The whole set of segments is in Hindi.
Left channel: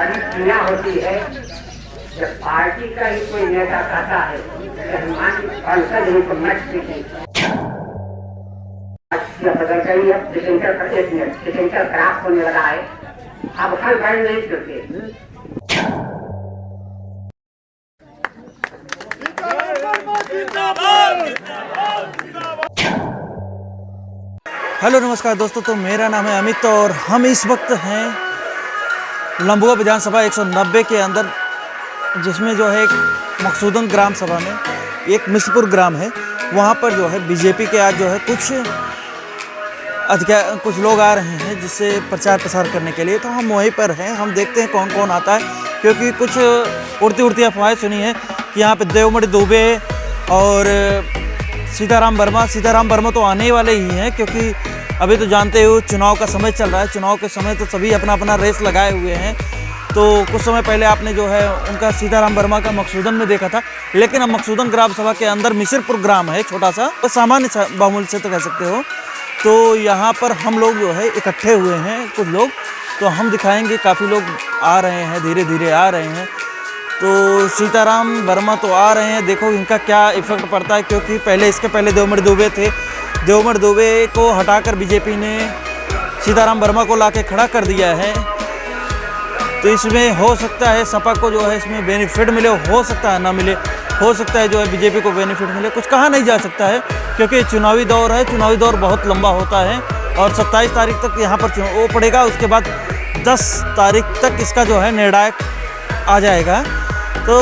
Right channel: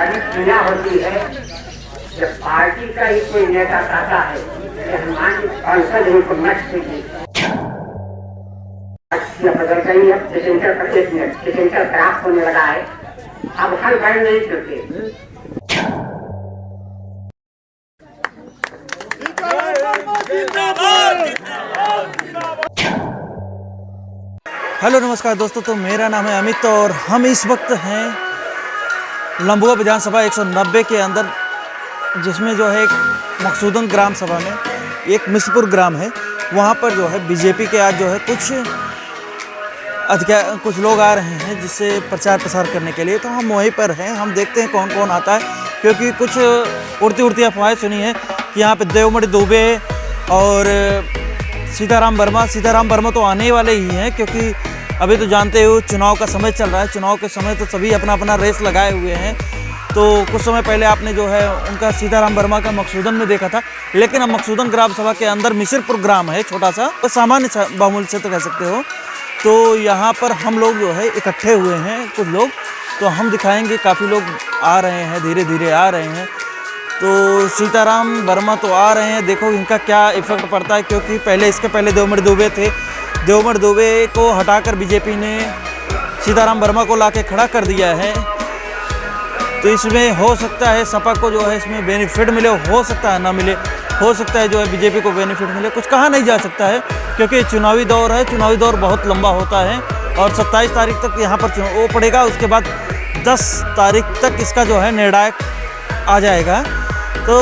दुनिया होती है जब पार्टी का ही कोई नेता कहता है कि हमारी सांसद ही को मत कीजिए। बदल गई है, डिसेंटर का 1 मिनट डिसेंटर खराब होने लगा है, अब हर घर नहीं करते। हेलो नमस्कार दोस्तों, तो मेरा नाम है अमित और हम इस वक्त हैं लंबुआ विधानसभा 190 के अंदर, जिसमें जो है एक मकसूदन ग्राम सभा में एक मिसपुर ग्राम है, वहाँ पर जो है बीजेपी के आज जो है कुछ लोग आ रहे हैं जिससे प्रचार प्रसार करने के लिए। तो हम वहीं पर हैं, हम देखते हैं कौन कौन आता है, क्योंकि कुछ उड़ती अफवाहें सुनी है कि यहाँ पे देवमणि दुबे और सीताराम वर्मा तो आने वाले ही हैं, क्योंकि अभी तो जानते हो चुनाव का समय चल रहा है। चुनाव के समय तो सभी अपना अपना रेस लगाए हुए हैं। तो कुछ समय पहले आपने जो है उनका सीताराम वर्मा का मकसूदन में देखा था, लेकिन अब मकसूदन ग्राम सभा के अंदर मिसिरपुर ग्राम है, छोटा सा तो सामान्य बामूल से तो कह सकते हो। तो यहाँ पर हम लोग जो है इकट्ठे हुए हैं कुछ लोग, तो हम दिखाएंगे, काफ़ी लोग आ रहे हैं, धीरे धीरे आ रहे हैं। तो सीताराम वर्मा तो आ रहे हैं, देखो इनका क्या इफेक्ट पड़ता है, क्योंकि इसके पहले देवमणि दुबे थे। देवमणि दुबे को हटाकर बीजेपी ने सीताराम वर्मा को लाके खड़ा कर दिया है। तो इसमें हो सकता है सपा को जो है इसमें बेनिफिट मिले, हो सकता है ना मिले, हो सकता है जो है बीजेपी को बेनिफिट मिले, कुछ कहा नहीं जा सकता है, क्योंकि चुनावी दौर है। चुनावी दौर बहुत लंबा होता है और 27 तारीख तक यहाँ पर वो पड़ेगा, उसके बाद 10 तारीख तक इसका जो है निर्णायक आ जाएगा। तो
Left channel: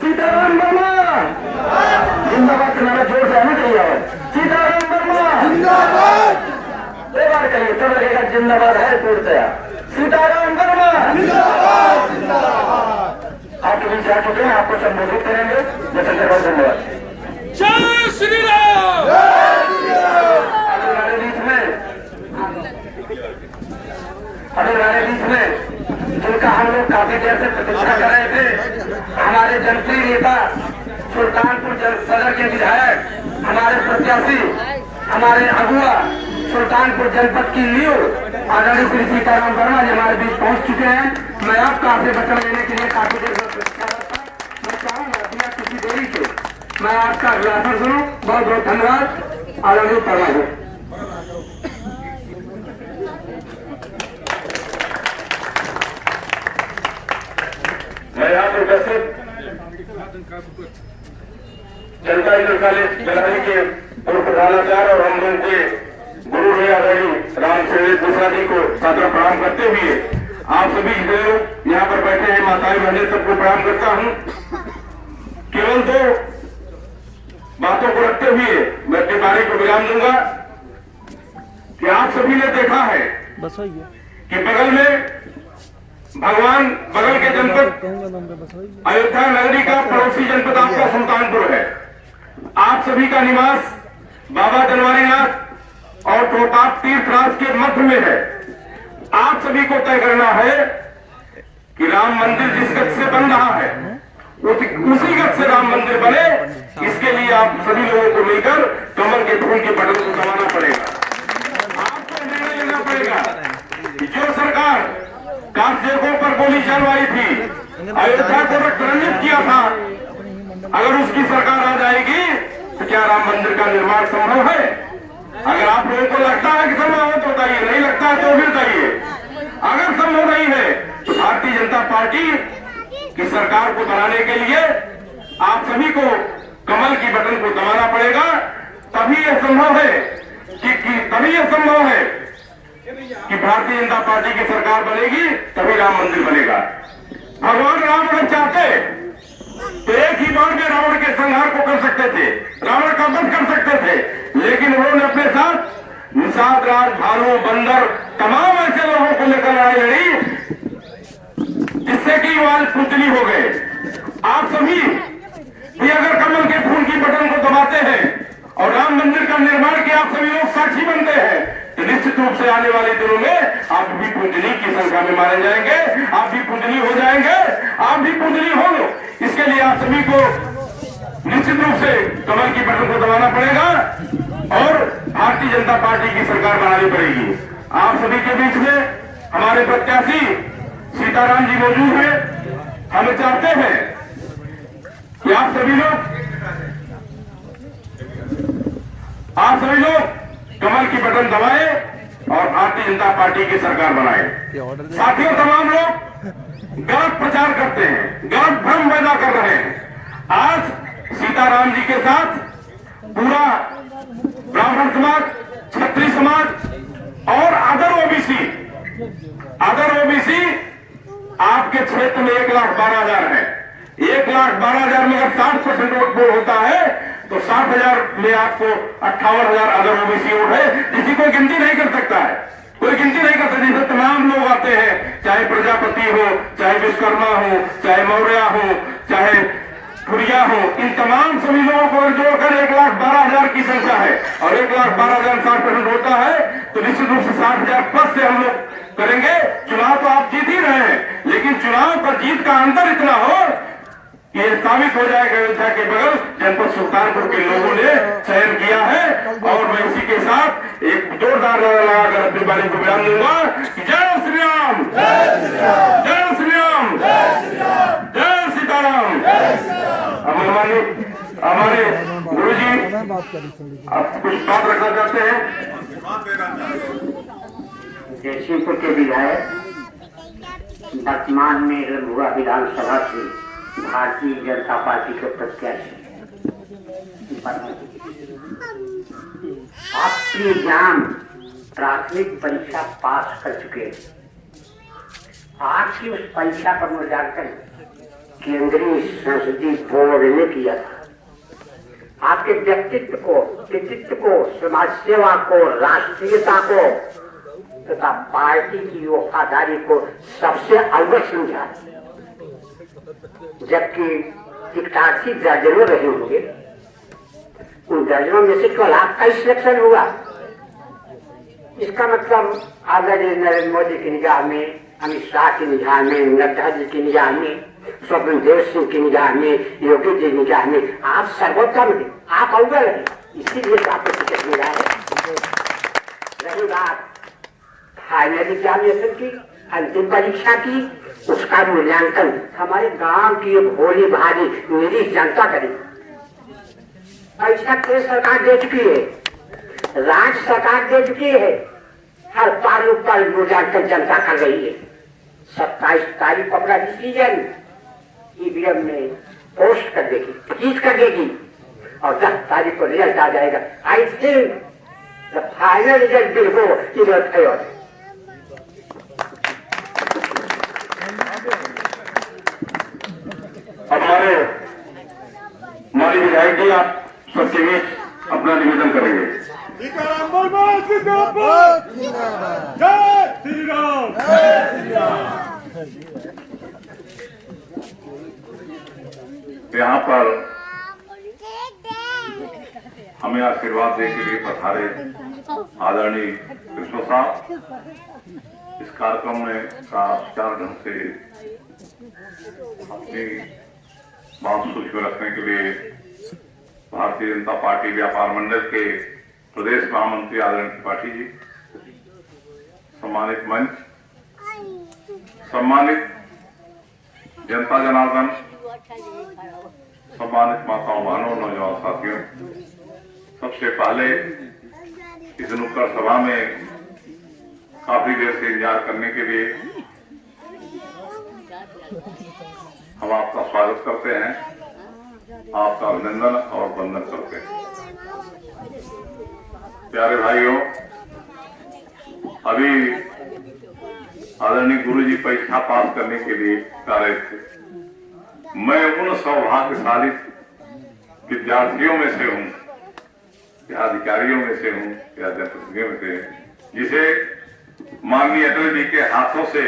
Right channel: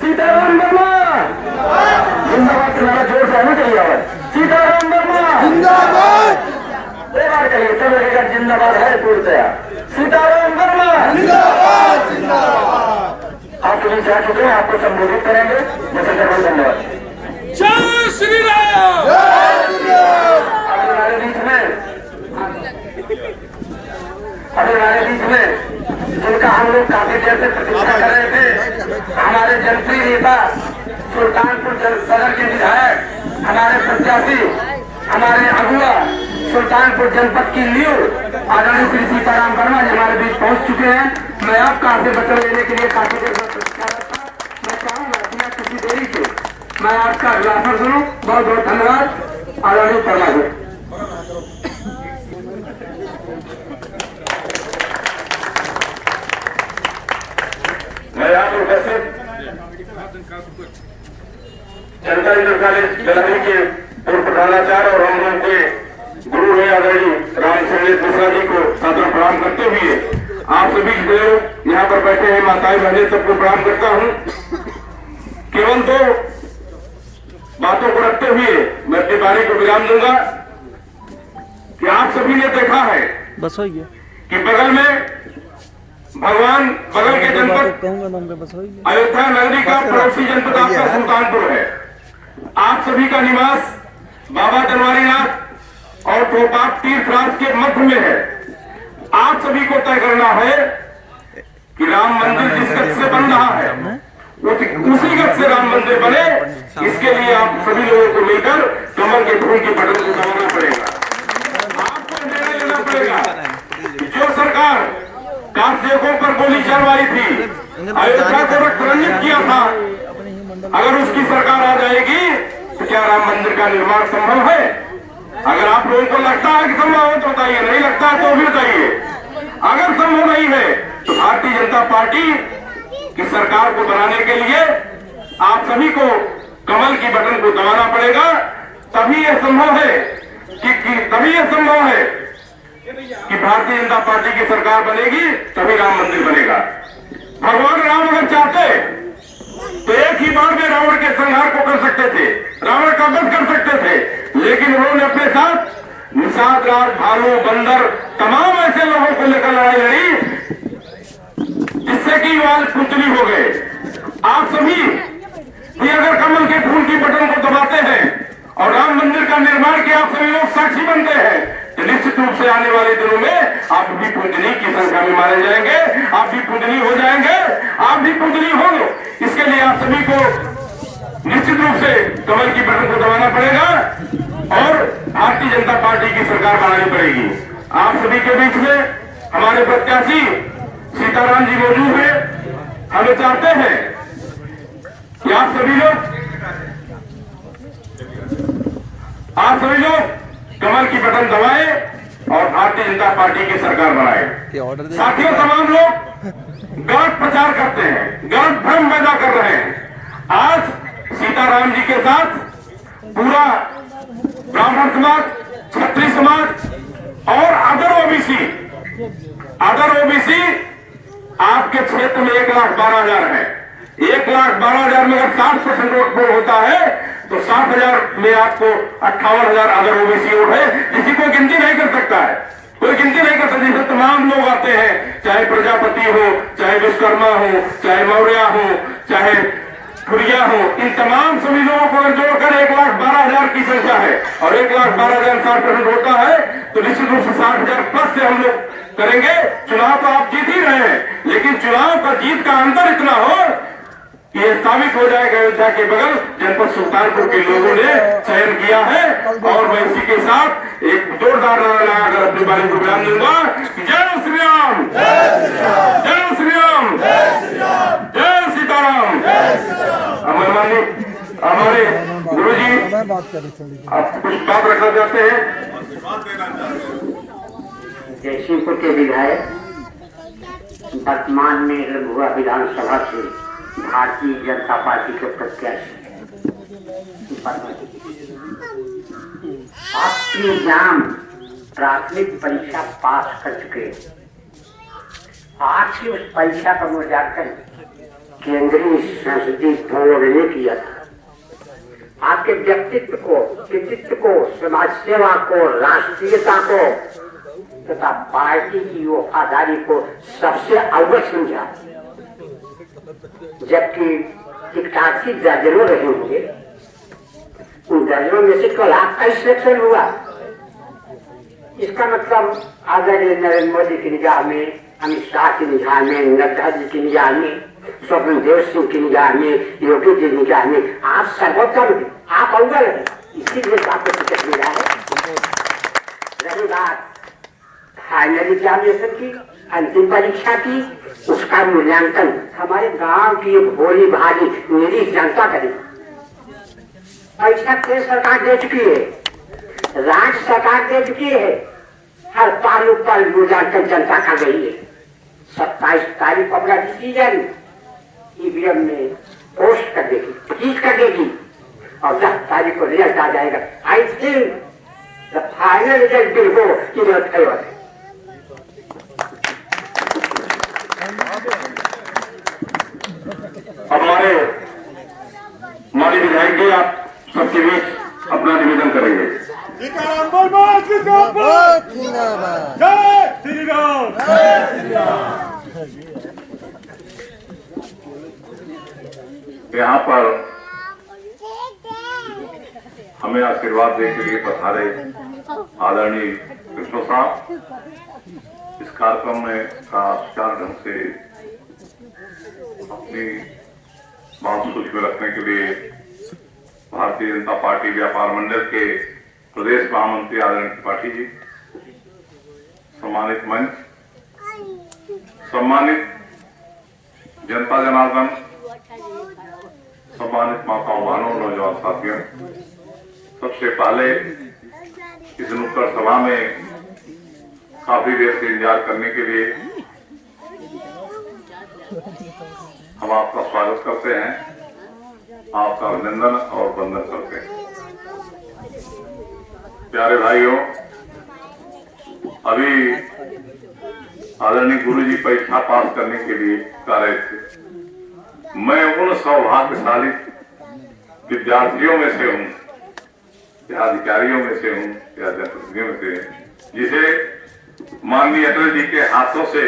सीताराम वर्मा जिंदाबाद का नारा जोर से आना चाहिए। आवाज सीताराम वर्मा जिंदाबाद, दो बार कहिए तब लगेगा जिंदाबाद है पूर्णतया। सीताराम वर्मा जिंदाबाद जिंदाबाद। आप कभी से आ चुके हैं, आपको संबोधित करेंगे। धन्यवाद। जय श्री राम। हमारे बीच में जिनका हम लोग काफी देर से प्रतीक्षा कर रहे थे, हमारे जनप्रिय नेता सुल्तानपुर सदर के विधायक, हमारे प्रत्याशी, हमारे अगुआ सुल्तानपुर जनपद की लीव आदरणीय श्री सीताराम वर्मा जी हमारे बीच पहुंच चुके हैं। मैं आपका आपसे वचन लेने के लिए काफी देर से प्रतीक्षा करता। मैं चाहूंगा बिना किसी देरी के मैं आपका अभिभाषण सुनूं। बहुत बहुत धन्यवाद आदरणीय वर्मा जी। मैं यहाँ पर उपस्थित जनता इंटर कॉलेज बेलारी के पूर्व प्रधानाचार्य और हम लोग के गुरु रहे आदरणीय राम सुरेश मिश्रा जी को सादर प्रणाम करते हुए आप सभी जो यहाँ पर बैठे हैं माताएं बहनें सबको प्रणाम करता हूँ। केवल 2 बातों को रखते हुए मैं अपनी बारी को विराम दूंगा कि आप सभी ने देखा है बस हो गया कि बगल के जनपद अयोध्या नगरी का पड़ोसी जनपद आपका सुल्तानपुर है। आप सभी का निवास बाबा जनवारीनाथ और टोपाप तीर्थराज के मध्य में है। आप सभी को तय करना है कि राम मंदिर जिस गत से बन रहा है उसी गत से राम मंदिर बने। इसके लिए आप सभी लोगों को मिलकर कमल के फूल के बटन को दबाना पड़ेगा। आपको निर्णय लेना पड़ेगा कि जो सरकार कांसेकों पर गोली चलवाई थी, अयोध्या को रक्त किया था, अगर उसकी सरकार आ जाएगी तो क्या राम मंदिर का निर्माण संभव है? अगर आप लोगों को लगता है कि संभव हो तो बताइए, नहीं लगता है तो भी बताइए। अगर संभव नहीं है तो भारतीय जनता पार्टी की सरकार को बनाने के लिए आप सभी को कमल की बटन को दबाना पड़ेगा। तभी यह संभव है कि भारतीय जनता पार्टी की सरकार बनेगी, तभी राम मंदिर बनेगा। भगवान राम ही बार में रावण के संहार को कर सकते थे, रावण का वध कर सकते थे, लेकिन उन्होंने अपने साथ निषाद राज, भालू, बंदर, तमाम ऐसे लोगों को लेकर लड़ाई लड़ी जिससे कि वाल पुतली हो गए। आप सभी भी अगर कमल के फूल की बटन को दबाते हैं और राम मंदिर का निर्माण के आप सभी लोग साक्षी बनते हैं, तो निश्चित रूप से आने वाले दिनों में आप भी पूजनी की संख्या में मारे जाएंगे, आप भी पूजनी हो जाएंगे, आप भी पूजनी हो। इसके लिए आप सभी को निश्चित रूप से कमल की बटन को दबाना पड़ेगा और भारतीय जनता पार्टी की सरकार बनानी पड़ेगी। आप सभी के बीच में हमारे प्रत्याशी सीताराम जी मौजूद हैं। हमें चाहते हैं कि आप सभी लोग कमल की बटन दबाएं और भारतीय जनता पार्टी की सरकार बनाएं। साथियों, तमाम लोग गलत प्रचार करते हैं, गलत भ्रम पैदा कर रहे हैं। आज सीताराम जी के साथ पूरा ब्राह्मण समाज, क्षत्रिय समाज और अदर ओबीसी आपके क्षेत्र में 1,12,000 है। 1,12,000 में अगर 60% वोट पोल होता है तो 60,000 में आपको 58,000 अदर ओबीसी वोट है, जिसी को गिनती नहीं कर सकता है, कोई गिनती नहीं कर सकता। जिसे तमाम लोग आते हैं, चाहे प्रजापति हो, चाहे विश्वकर्मा हो, चाहे मौर्य हो, चाहे खुरिया हो, इन तमाम सभी लोगों को अगर जोड़कर 1,12,000 की संख्या है और 1,12,000 60% होता है तो निश्चित रूप से 60,000 प्लस से हम लोग करेंगे। चुनाव तो आप जीत ही रहे हैं, लेकिन चुनाव का जीत का अंतर इतना हो कि यह साबित हो जाएगा अयोध्या के बगल जनपद सुल्तानपुर के लोगों ने चयन किया है। और मैं इसी के साथ एक जोरदार नारा लगाकर अपनी बारी को बयान दूंगा। जय श्री राम, जय श्री राम, जय सीताराम। हमारे गुरु जी आप कुछ बात रखना चाहते हैं? जयसिंहपुर के विधायक, वर्तमान में रंगुआ विधानसभा से भारतीय जनता पार्टी के प्रत्याशी, आप प्री-एग्जाम प्राथमिक परीक्षा पास कर चुके हैं। आपकी उस परीक्षा का मूल्यांकन केंद्रीय संसदीय बोर्ड ने किया था। आपके व्यक्तित्व को, कृतित्व को, समाज सेवा को, राष्ट्रीयता को तथा पार्टी की वफादारी को सबसे अव्वल समझा। जबकि 81 दर्जनों रहे होंगे, उन दर्जनों में से केवल आपका ही सिलेक्शन हुआ। इसका मतलब आदरणीय नरेंद्र मोदी की निगाह में, अमित शाह की निगाह में, नड्डा जी की निगाह में, स्वप्नदेव सिंह की निगाह में, योगी जी की निगाह में आप सर्वोत्तम हैं, आप अव्वल हैं। इसीलिए आपको टिकट मिला है। रही बात फाइनल एग्जामिनेशन की, अंतिम परीक्षा की, उसका मूल्यांकन हमारे गांव की भोली भाली मेरी जनता करेगी। परीक्षा केंद्र सरकार दे चुकी है, राज्य सरकार दे चुकी है, हर पहलू पर मूल्यांकन जनता कर रही है। 27 तारीख को अपना डिसीजन ईवीएम में पोस्ट कर देगी, फ्रीज कर देगी और 10 तारीख को रिजल्ट आ जाएगा। I think the final result will go in your favour. हमारे माननीय विधायक जी आप सबके बीच अपना निवेदन करेंगे। जय श्री राम, जय श्री राम। यहाँ पर हमें आशीर्वाद देने के लिए पधारे आदरणीय कृष्ण साहब, इस कार्यक्रम में का सुचारू ढंग से अपनी बात सूझ में रखने के लिए भारतीय जनता पार्टी व्यापार मंडल के प्रदेश महामंत्री आदरणीय त्रिपाठी जी, सम्मानित मंच, सम्मानित जनता जनार्दन, सम्मानित माताओं बहनों, नौजवान साथियों, सबसे पहले इस नुक्कड़ सभा में काफी देर से इंतजार करने के लिए हम आपका स्वागत करते हैं, आपका अभिनंदन और वंदन करते हैं। प्यारे भाइयों, अभी आदरणीय गुरु जी परीक्षा पास करने के लिए कह रहे थे। मैं उन सौभाग्यशाली विद्यार्थियों में से हूं या अधिकारियों में से हूं या जनप्रतिनिधियों में से जिसे माननीय अटल जी के हाथों से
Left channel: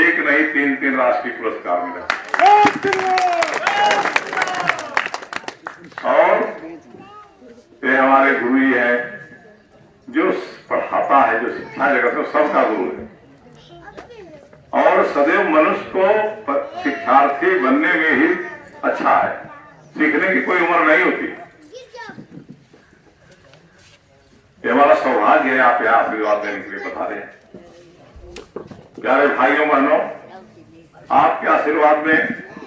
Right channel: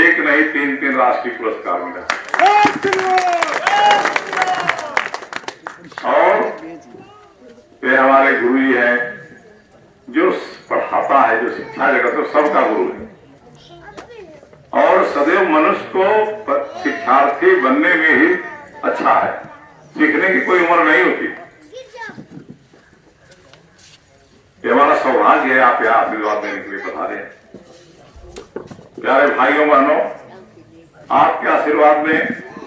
एक नहीं 3 राष्ट्रीय पुरस्कार मिला। और ये हमारे गुरु जी हैं जो पढ़ाता है, जो शिक्षा जगत में सबका गुरु है और सदैव मनुष्य को शिक्षार्थी बनने में ही अच्छा है, सीखने की कोई उम्र नहीं होती। ये हमारा सौभाग्य है आप यहाँ आशीर्वाद देने के लिए बता रहे हैं। प्यारे भाइयों बहनों, आपके आशीर्वाद में,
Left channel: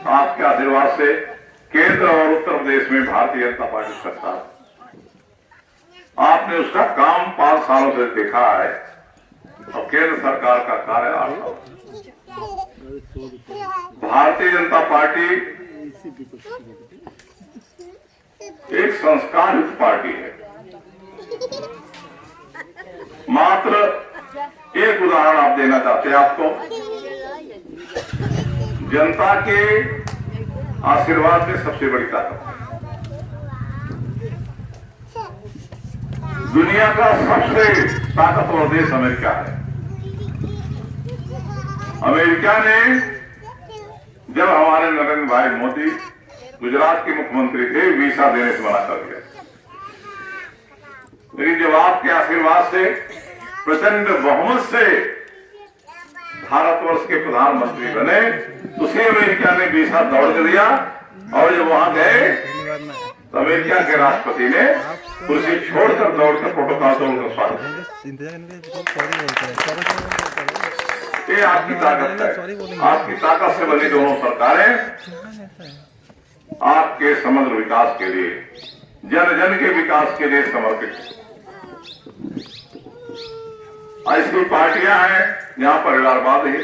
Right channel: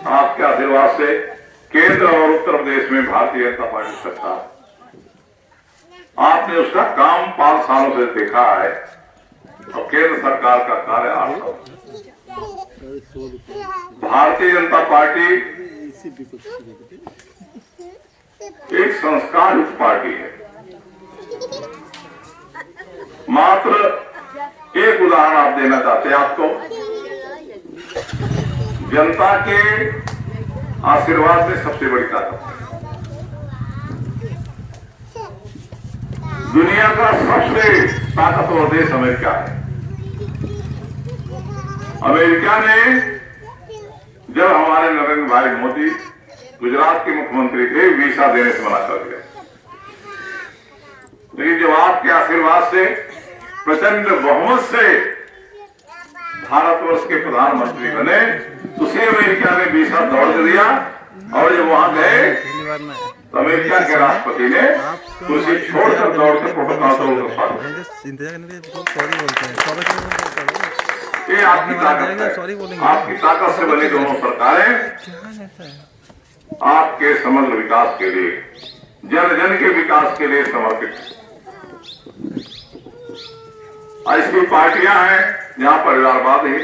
आपके आशीर्वाद से केंद्र और उत्तर प्रदेश में भारतीय जनता पार्टी सरकार, आपने उसका काम 5 सालों से देखा है और केंद्र सरकार का कार्य 8 साल। भारतीय जनता पार्टी एक संस्कार युक्त पार्टी है। मात्र एक उदाहरण आप देना चाहते हैं, आपको जनता के आशीर्वाद में सबसे बड़ी ताकत है। दुनिया का सबसे ताकतवर देश अमेरिका है। अमेरिका ने जब हमारे नरेंद्र भाई मोदी गुजरात के मुख्यमंत्री थे, वीजा देने से मना कर दिया। लेकिन जब आपके आशीर्वाद से प्रचंड बहुमत से भारतवर्ष के प्रधानमंत्री बने, उसी अमेरिका ने वीजा दौड़ दिया और जब वहां गए तो अमेरिका के राष्ट्रपति ने कुर्सी छोड़कर दौड़कर प्रोटोकॉल तोड़कर स्वागत। ये आपकी ताकत है। आपकी ताकत से बनी दोनों सरकारें आपके समग्र विकास के लिए, जन जन के विकास के लिए समर्पित। ऐसी पार्टियां हैं जहां परिवारवाद है।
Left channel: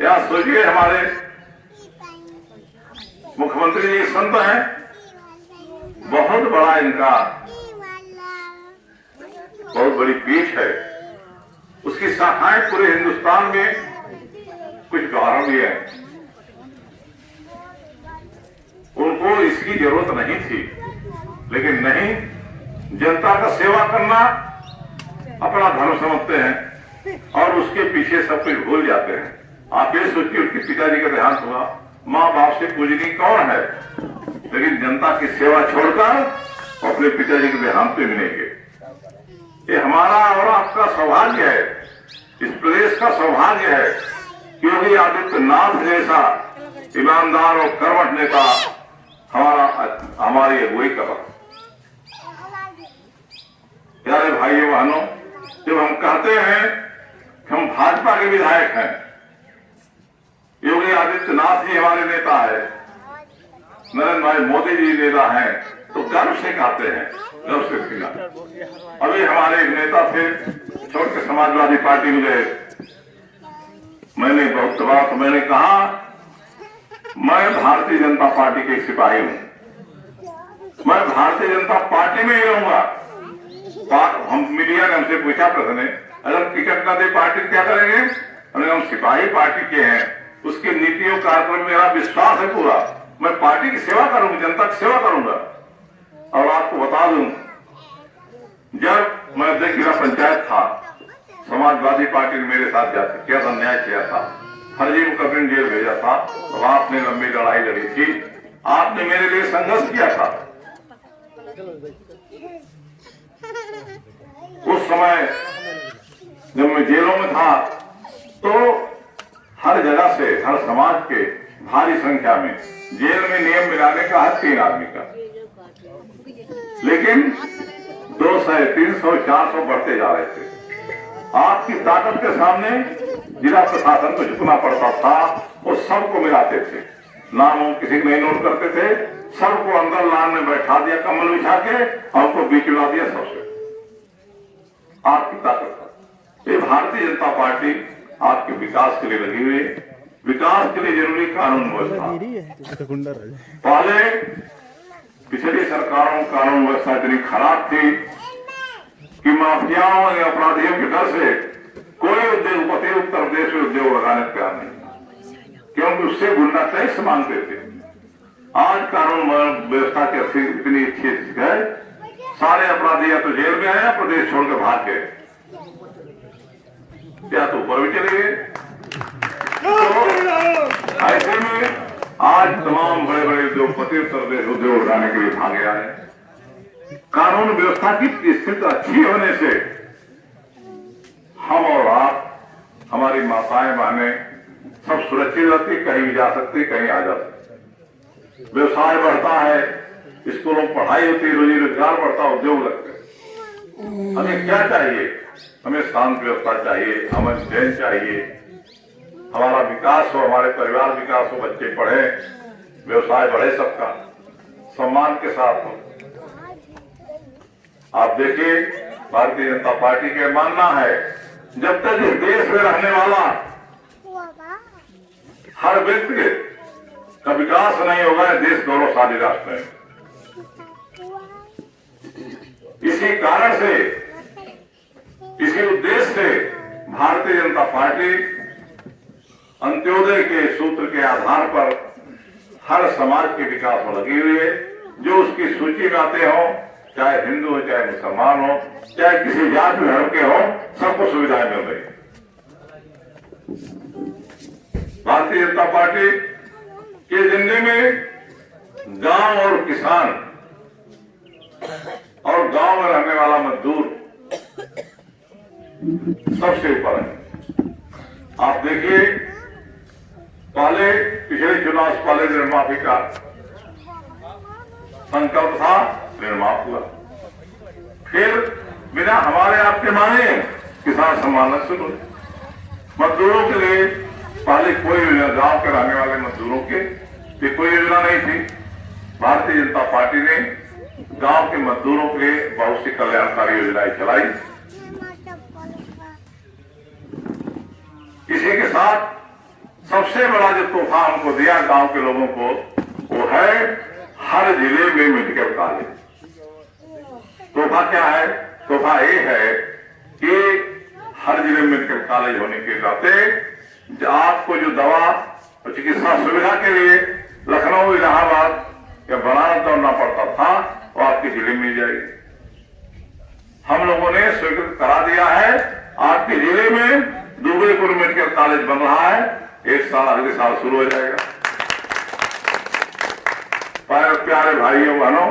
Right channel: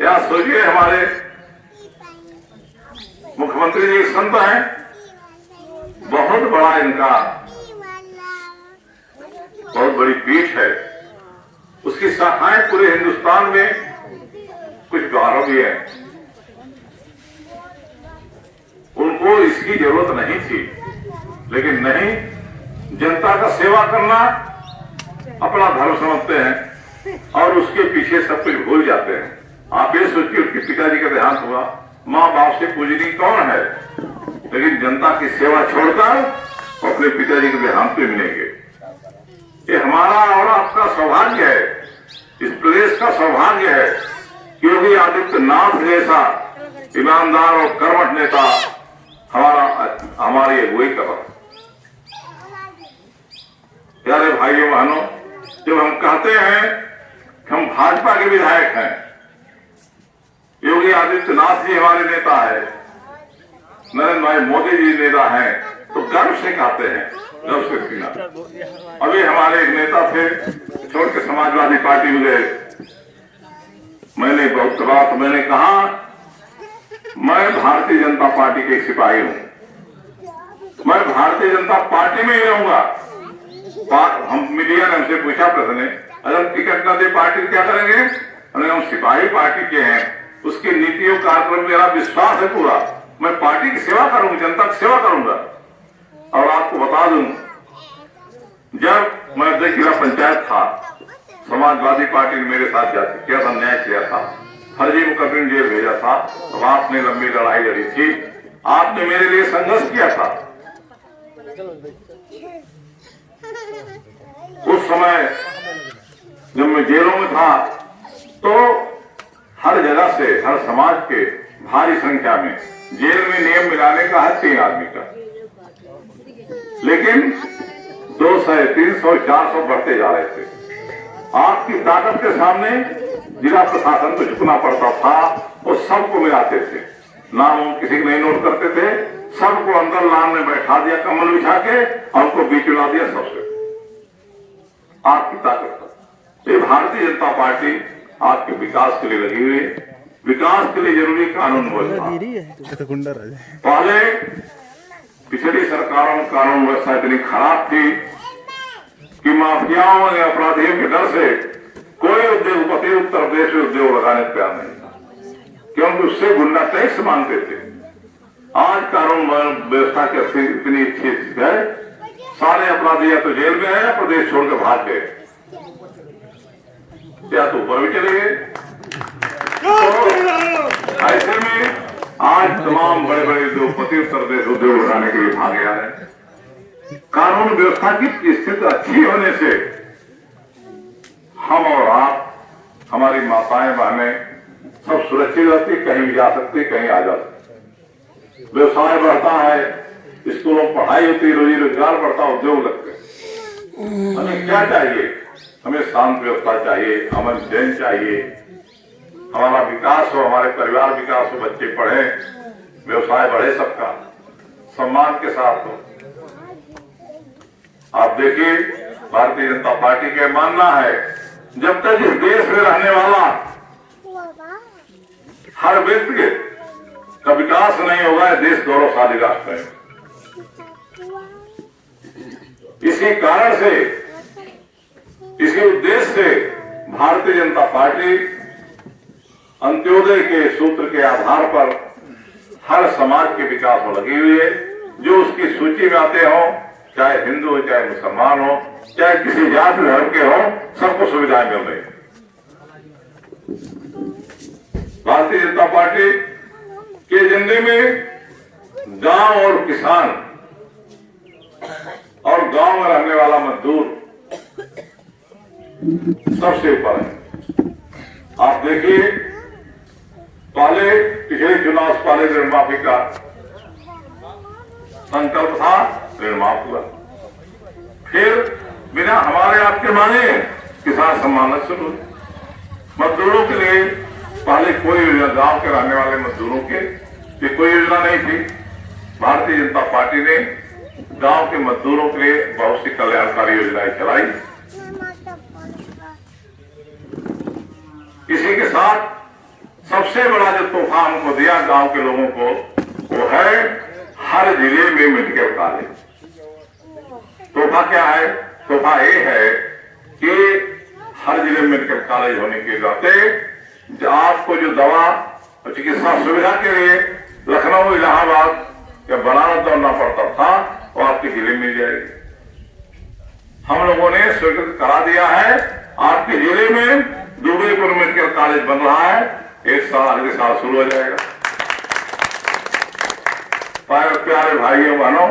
या सोचिए, हमारे मुख्यमंत्री जी संत हैं, बहुत बड़ा इनका बहुत बड़ी पीठ है, उसकी शाखाएं पूरे हिंदुस्तान में कुछ गौरव भी है। उनको इसकी जरूरत नहीं थी, लेकिन नहीं, जनता का सेवा करना अपना धर्म समझते हैं और उसके पीछे सब कुछ भूल जाते हैं। आप ये सोचिए, उसके पिताजी का देहांत हुआ, माँ बाप से पूजनी कौन है, लेकिन जनता की सेवा छोड़कर अपने पिताजी के देहांत पे मिलेंगे। ये हमारा और आपका सौभाग्य है, इस प्रदेश का सौभाग्य है, क्योंकि आदित्यनाथ जैसा ईमानदार और कर्मठ नेता हमारी अगुवाई कर रहा है। प्यारे भाइयों बहनों, जब हम कहते हैं कि हम भाजपा के विधायक हैं, योगी आदित्यनाथ जी हमारे नेता है, नरेंद्र भाई मोदी जी नेता हैं, तो गर्व से कहते हैं, गर्व से पीना। अभी हमारे एक नेता थे, छोड़ के समाजवादी पार्टी में गए। मैंने बहुत बात मैंने कहा, मैं भारतीय जनता पार्टी के एक सिपाही हूं, मैं भारतीय जनता पार्टी में ही रहूंगा। हम मीडिया ने हमसे पूछा प्रश्न, अगर टिकट न दे पार्टी क्या करेंगे? हम सिपाही पार्टी के हैं, उसकी नीतियों कार्यक्रम मेरा विश्वास है पूरा, मैं पार्टी की सेवा करूंगा, जनता की सेवा करूंगा। और आपको बता दूं, जब मैं अध्यक्ष जिला पंचायत था, समाजवादी पार्टी ने मेरे साथ जाते किया था, न्याय किया था, फर्जी मुकदमे में जेल भेजा था, तो आपने लंबी लड़ाई लड़ी थी, आपने मेरे लिए संघर्ष किया था। उस समय जब मैं जेलों में था तो हर जगह से, हर समाज के भारी संख्या में जेल में नियम मिलाने का है 3 आदमी का, लेकिन 200, 300, 400 बढ़ते जा रहे थे। आपकी ताकत के सामने जिला प्रशासन को झुकना पड़ता था, वो सबको मिलाते थे, नाम हम किसी को नहीं नोट करते थे, सबको अंदर लान में बैठा दिया, कम्बल बिछा के, हमको बीच मिला दिया सबसे। आपकी ताकत था। ये भारतीय जनता पार्टी आपके विकास के लिए लगी हुई है, विकास के लिए जरूरी कानून व्यवस्था। पहले पिछली सरकारों में कानून व्यवस्था इतनी खराब थी कि माफियाओं या अपराधियों के डर से कोई उद्योगपति उत्तर प्रदेश में उद्योग लगाने तैयार नहीं था। क्योंकि उससे गुंडा टैक्स मांगते थे। आज कानून व्यवस्था की स्थिति इतनी अच्छी है, सारे अपराधी या तो जेल में आए या प्रदेश छोड़कर भाग गए, या तो ऊपर भी चले गए। तो ऐसे में आज तमाम बड़े बड़े उद्योगपति उत्तर प्रदेश उद्योग बनाने के लिए भागे आ रहे हैं। कानून व्यवस्था की स्थिति अच्छी होने से हम और आप, हमारी माताएं बहनें सब सुरक्षित रहती, कहीं भी जा सकती, कहीं आ जा सकती। व्यवसाय बढ़ता है, स्कूलों में पढ़ाई होती, रोजी रोजगार बढ़ता, उद्योग लगते। हमें क्या चाहिए? हमें शांत व्यवस्था चाहिए, अमन चैन चाहिए, हमारा विकास हो, हमारे परिवार विकास हो, बच्चे पढ़े, व्यवसाय बढ़े, सबका सम्मान के साथ हो। आप देखिए, भारतीय जनता पार्टी का मानना है जब तक इस देश में रहने वाला हर व्यक्ति का विकास नहीं होगा, देश गौरवशाली राष्ट्र है। इसी कारण से, इसी उद्देश्य से भारतीय जनता पार्टी अंत्योदय के सूत्र के आधार पर हर समाज के विकास में लगी हुई है। जो उसकी सूची में आते हो, चाहे हिंदू हो, चाहे मुसलमान हो, चाहे किसी जाति धर्म के हो, सबको सुविधाएं मिल रही। भारतीय जनता पार्टी के एजेंडे में गांव और किसान और गांव में रहने वाला मजदूर सबसे ऊपर है। आप देखिए, पहले पिछले चुनाव से पहले ऋण माफी का संकल्प था, ऋण माफ हुआ। फिर बिना हमारे आपके माने किसान सम्मान शुरू हुई। मजदूरों के लिए पहले कोई योजना, गांव के रहने वाले मजदूरों के कोई योजना नहीं थी। भारतीय जनता पार्टी ने गांव के मजदूरों के लिए बहुत सी कल्याणकारी योजनाएं चलाई। इसी के साथ सबसे बड़ा जो तोहफा हमको दिया गांव के लोगों को, वो है हर जिले में मेडिकल कॉलेज। तोहफा क्या है? तोहफा ये है कि हर जिले में मेडिकल कॉलेज होने के नाते आपको जो दवा और चिकित्सा सुविधा के लिए लखनऊ, इलाहाबाद या बनारस दौड़ना पड़ता था, वो आपके जिले में मिल जाएगी। हम लोगों ने स्वीकृत करा दिया है, आपके जिले में दुबईपुर मेडिकल कॉलेज बन रहा है। एक साल, अगले साल शुरू हो जाएगा। प्यारे भाइयों बहनों,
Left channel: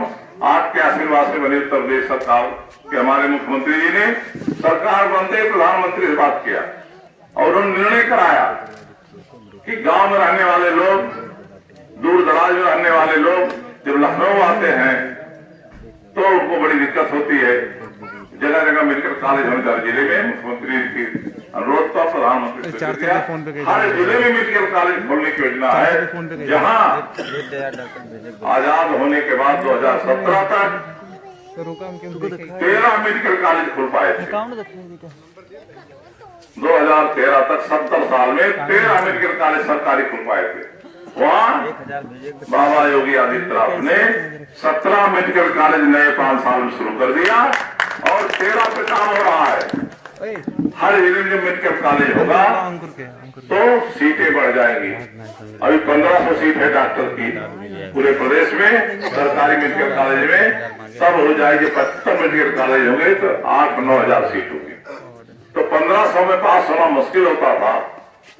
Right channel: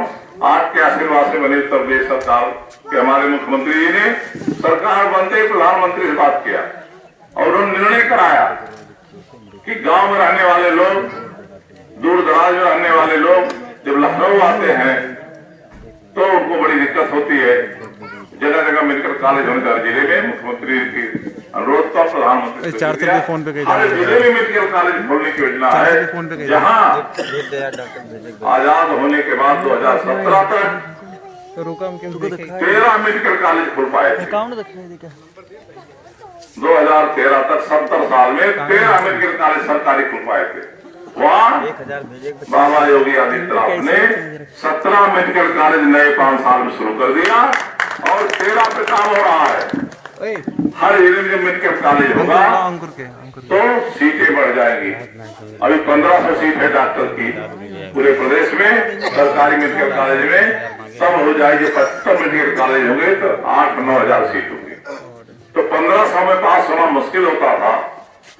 आपके आशीर्वाद से बनी उत्तर प्रदेश सरकार के हमारे मुख्यमंत्री जी ने सरकार बनते ही प्रधानमंत्री से बात किया और उन्होंने निर्णय कराया कि गांव में रहने वाले लोग, दूर दराज में रहने वाले लोग जब लखनऊ आते हैं तो उनको बड़ी दिक्कत होती है। जगह जगह मेडिकल कॉलेज होने हर जिले में मुख्यमंत्री की अनुरोध पर प्रधानमंत्री हर जिले में मेडिकल कॉलेज खोलने की योजना है। जहां आजाद होने के बाद 2017 तक 13 मेडिकल कॉलेज खुल पाए थे। 2013 तक 70 साल में 13 मेडिकल कॉलेज सरकारी खुल पाए थे। वहाँ बाबा योगी आदित्यनाथ ने 17 मेडिकल कॉलेज नए 5 साल में शुरू कर दिया और 13 पे काम हो रहा है। हर जिले में जब मेडिकल कॉलेज होगा तो सीटें बढ़ जाएंगी। अभी 1500 सीट है डॉक्टर की पूरे प्रदेश में सरकारी मेडिकल कॉलेज में। तब हो जाएगी 75 मेडिकल कॉलेज होंगे तो 8-9 हजार सीट होगी। तो 1500 में पास होना मुश्किल होता था,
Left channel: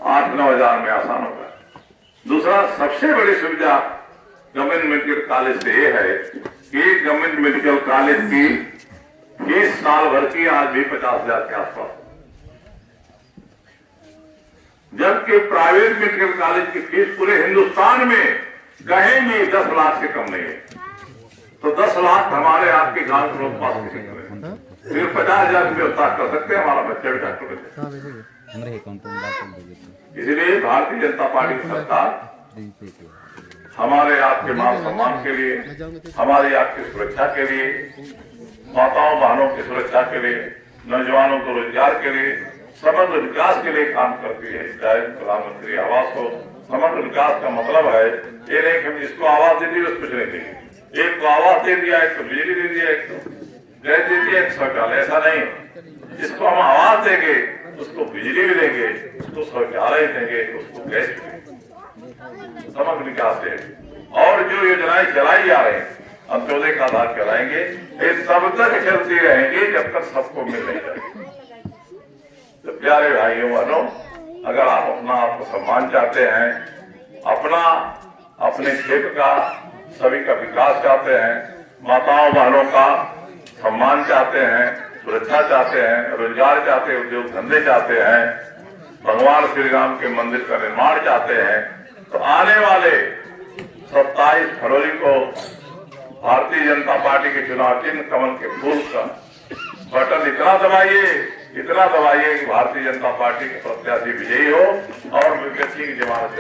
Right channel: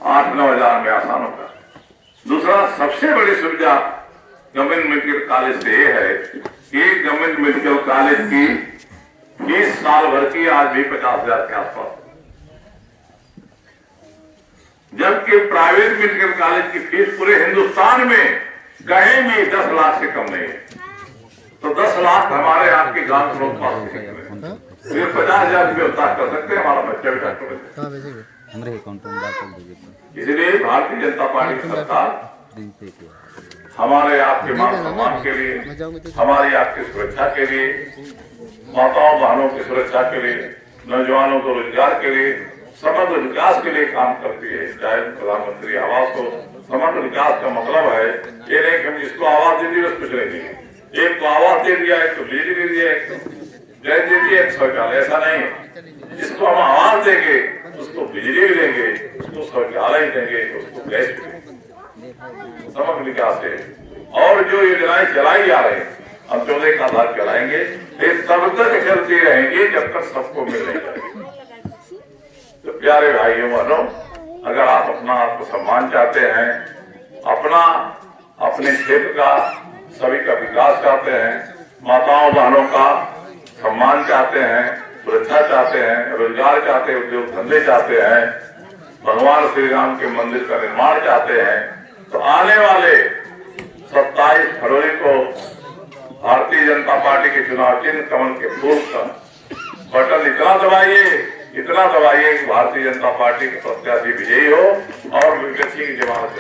8-9 हजार में आसान होगा। दूसरा सबसे बड़ी सुविधा गवर्नमेंट मेडिकल कॉलेज से ये है कि गवर्नमेंट मेडिकल कॉलेज की फीस साल भर की आज भी 50,000 के आसपास, जबकि प्राइवेट मेडिकल कॉलेज की फीस पूरे हिंदुस्तान में कहीं भी 10 लाख से कम नहीं है। तो 10 लाख हमारे आपके गांव के लोग पास नहीं है, फिर 50,000 की व्यवस्था कर सकते हैं, हमारा बच्चा भी डॉक्टर बन सकता। इसलिए भारतीय जनता पार्टी सरकार हमारे आपके मान सम्मान के लिए, हमारी आपकी सुरक्षा के लिए, माताओं बहनों की सुरक्षा के लिए, नौजवानों को रोजगार के लिए, समग्र विकास के लिए काम करती है। चाहे प्रधानमंत्री आवास हो, समग्र विकास का मतलब है ये नहीं कि हम इसको आवास दे दिए कुछ नहीं दिए। एक को आवास दे दिया, एक को बिजली दे दिया, एक को गैस दे दिया, एक शौचालय, ऐसा नहीं। जिसको हम आवास देंगे उसको बिजली भी देंगे, उसको शौचालय देंगे, उसको गैस देंगे। समग्र विकास है। और जो योजनाएं चलाई जा रही हैं अंत्योदय का आधार चलाएंगे, ये तब तक चलती रहेंगी जब तक सबको मिल रही। तो प्यारे भाइयों बहनों, अगर आप अपना आत्मसम्मान चाहते हैं, अपने क्षेत्र का सभी का विकास चाहते हैं, माताओं बहनों का सम्मान चाहते हैं, सुरक्षा चाहते हैं, रोजगार चाहते हैं, उद्योग धंधे चाहते हैं, भगवान श्री राम के मंदिर का निर्माण चाहते हैं, तो आने वाले 27 फरवरी को भारतीय जनता पार्टी के चुनाव चिन्ह कमल के फूल का बटन इतना दबाइए कि भारतीय जनता पार्टी के प्रत्याशी विजयी हो और विपक्षी की जमानत।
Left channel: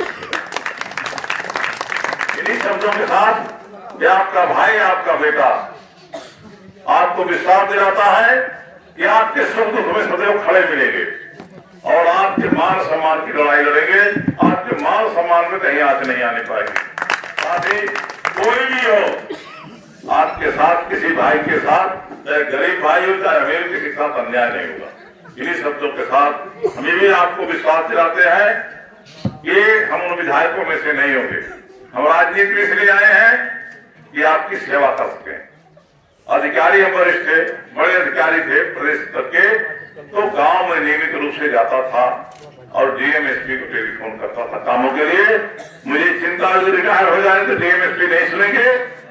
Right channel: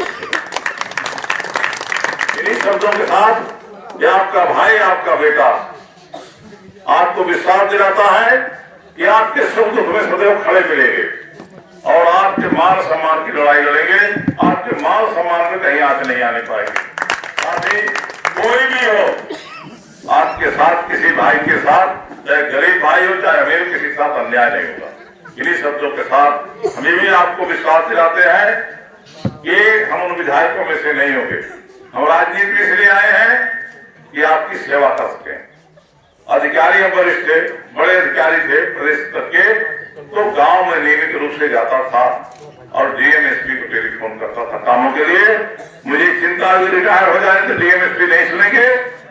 इन्हीं शब्दों के साथ ये आपका भाई, आपका बेटा आपको विश्वास दिलाता है कि आपके सुख दुख में सदैव खड़े मिलेंगे और आपके मान सम्मान की लड़ाई लड़ेंगे। आपके मान सम्मान में कहीं आंच नहीं आने पाएगी। साथ ही कोई भी हो आपके साथ, किसी भाई के साथ, चाहे गरीब भाई हो चाहे अमीर, किसी के साथ अन्याय नहीं होगा। इन्हीं शब्दों के साथ हम भी आपको विश्वास दिलाते हैं कि हम उन विधायकों में से नहीं होंगे। हम राजनीति इसलिए आए हैं कि आपकी सेवा कर सकें। अधिकारी हम वरिष्ठ थे, बड़े अधिकारी थे प्रदेश स्तर के, तो गांव में नियमित रूप से जाता था और डीएम एसपी को टेलीफोन करता था कामों के लिए। मुझे चिंता हुई रिटायर हो जाए तो डीएम एसपी नहीं सुनेंगे,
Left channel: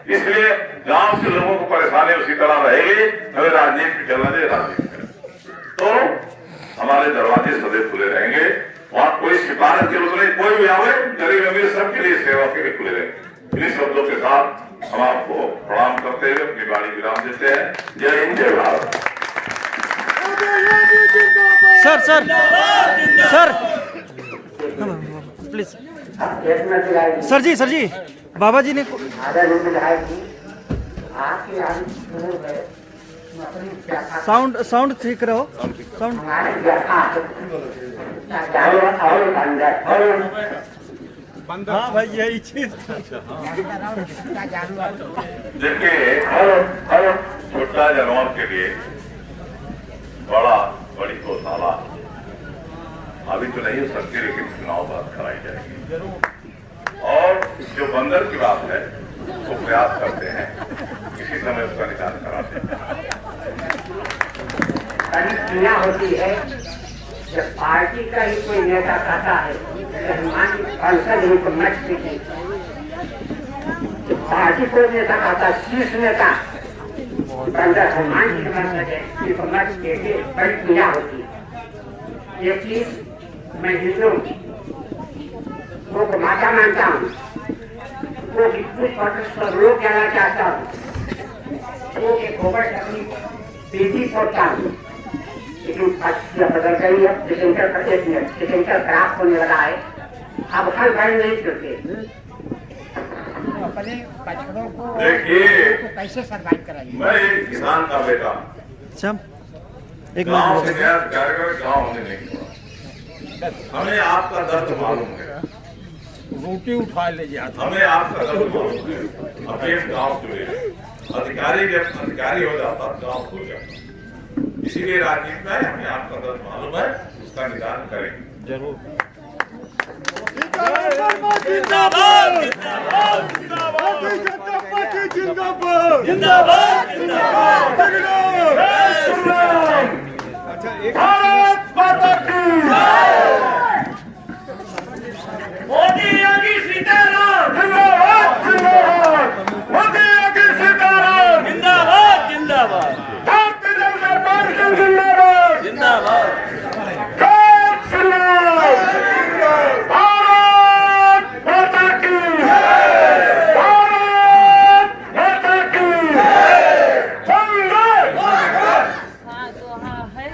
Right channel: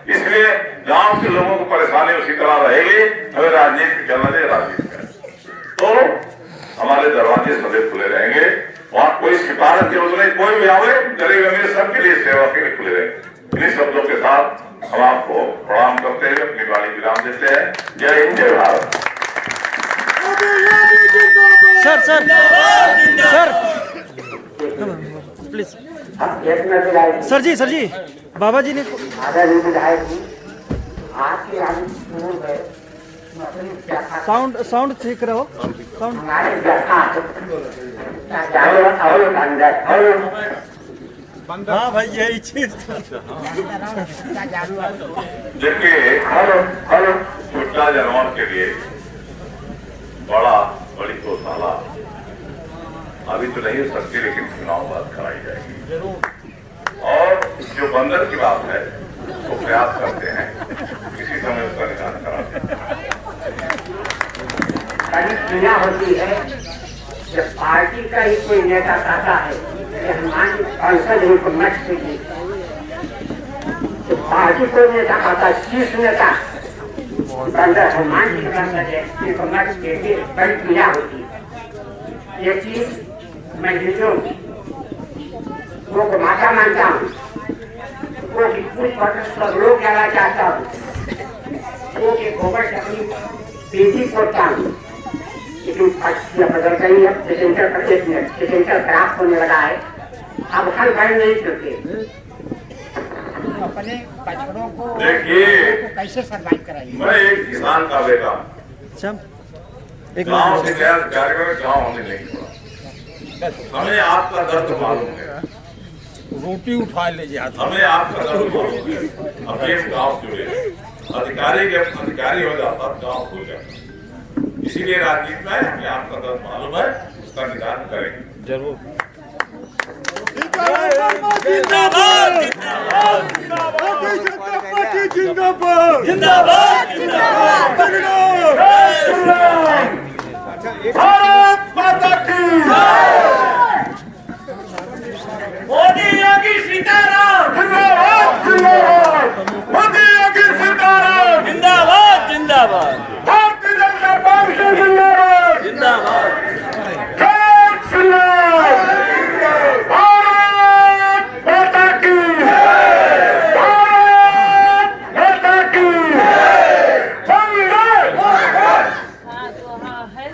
इसलिए गांव के लोगों को परेशानी उसी तरह रहेगी। हमें राजनीति चलना चाहिए, राजनीति तो हमारे दरवाजे सदैव खुले रहेंगे। वहां कोई सिफारिश की जरूरत नहीं, कोई भी आवे, गरीब अमीर सबके लिए सेवा के लिए खुले रहेंगे। इन्हीं शब्दों के साथ हम आपको प्रणाम करते हुए अपनी वाणी विराम देते हैं। जय हिंद, जय भारत। सर प्लीज सर जी बाबा जी ने साउंड ठीक रहो। साउंड हाँ भाई यही चीज। देखिए, छोटा जानवर के लिए बड़ी गौशाला अभी तो नहीं हो सकती, लेकिन चुनाव बाद कराई जाएगी। और जो बंदर की बात है उसको प्रयास करते हैं, किसी समय उसका निदान कराते हैं। दुनिया होती है जब पार्टी का ही कोई नेता कहता है कि हमारी संसद ही को मत कीजिए, तो पार्टी को नेता कहता है शीर्ष नेता बंदर हनुमान जी का इनको मत कीजिए, बड़ी दुनिया होती है। ये चीज मैं हिंदू को माता मानता हूँ, वो कुछ पर लोग कहना चाहता हूँ, वो के गोबर से अपनी बेटी पोता हूँ, लेकिन बदल गई है। डिसेंटर खराब होने लगा है, अब हर घर नहीं करते। अपने बछड़ों को कैसे सर्वाइव कराइए। मैं एक किसान का बेटा, गाँव से गाँव हमें नहीं हुआ, हमें आपका दर्द मालूम है। रोटी उठा लीजिए, हमें आपका दर्द मालूम है। अभी हम गाँव जुड़े, अधिकारी जब अधिकारी हो जाता गाँव खो जाता, इसीलिए राजनीति में हमें आपका दर्द मालूम है, उसका निदान करेंगे जरूर। जिंदाबाद जिंदाबाद जिंदाबाद भारत माता की मोदी योगी सीताराम जिंदाबाद जिंदाबाद, मोदी योगी सीताराम जिंदाबाद जिंदाबाद, भारतीय जनता पार्टी जिंदाबाद जिंदाबाद, जय श्री राम, भारत माता की, भारत माता की, वंदे मातरम। हाँ तो हाँ है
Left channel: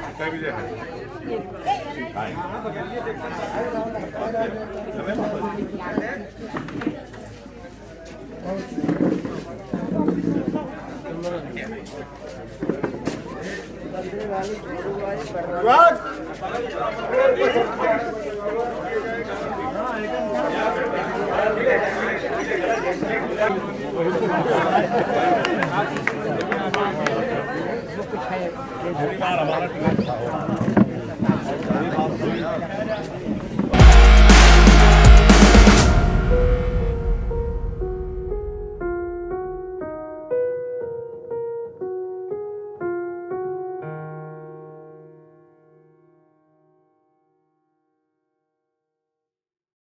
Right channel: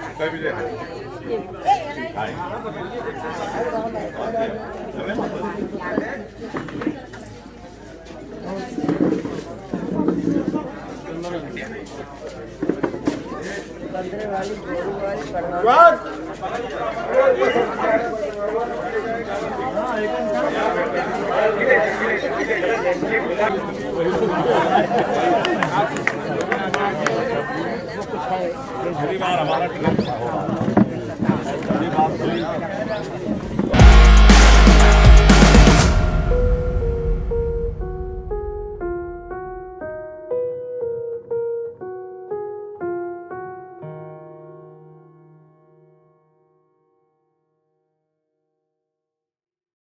अगली बार हमारा